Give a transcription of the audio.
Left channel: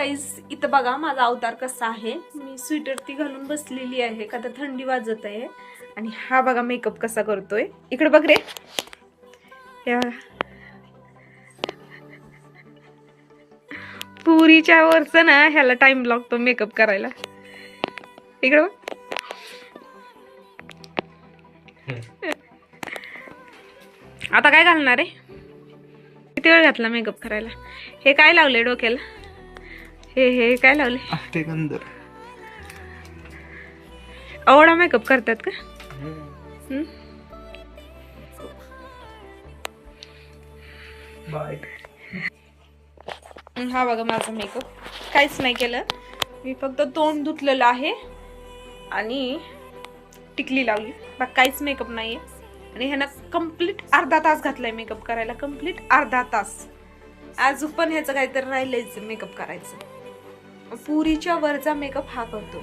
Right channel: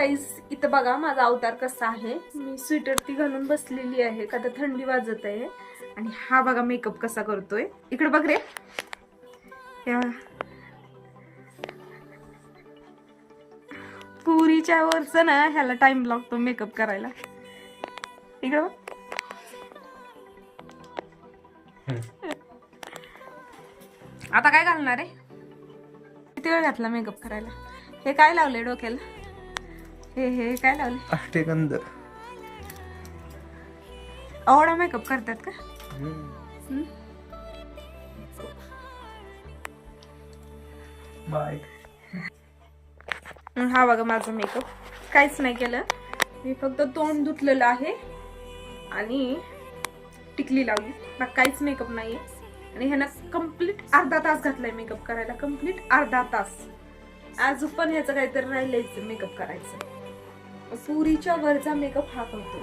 गाईस इथं बघा माझा अवतार कसा आहे. मी स्वेटर ती घालून बसलेली आहे का तर थंडी वाजत आहे. आणि हा बघा मेकअप कसा करतोय. इकडे बघ रे. पुरीच्या वरच ना ह्याला टाइम लागतो मेकअप करायला. इकडे बघ. आता काय घालणार आहे. किती वेळ घातला मेकअप करायला. हे काय लावले डोक्याला. हे काय लावले. अष्टगंध. आवडा मेकअप करतात का. हा बघा माझा मेकअप काहीच नाही केलं. मी फक्त तोंड धुतलेलं आहे आणि टिकली लावली. बाकी काहीच मेकअप नाहीये. आणि ह्यानं कंप्लीट अर्धा तास घातलाय मेकअप करायला. कंप्लीट अर्धा तास. आज पण ह्याचं काहीतरी राहिलंच मेकअप करायचं. पुरीच्या वरचा मेकअप हा करतो.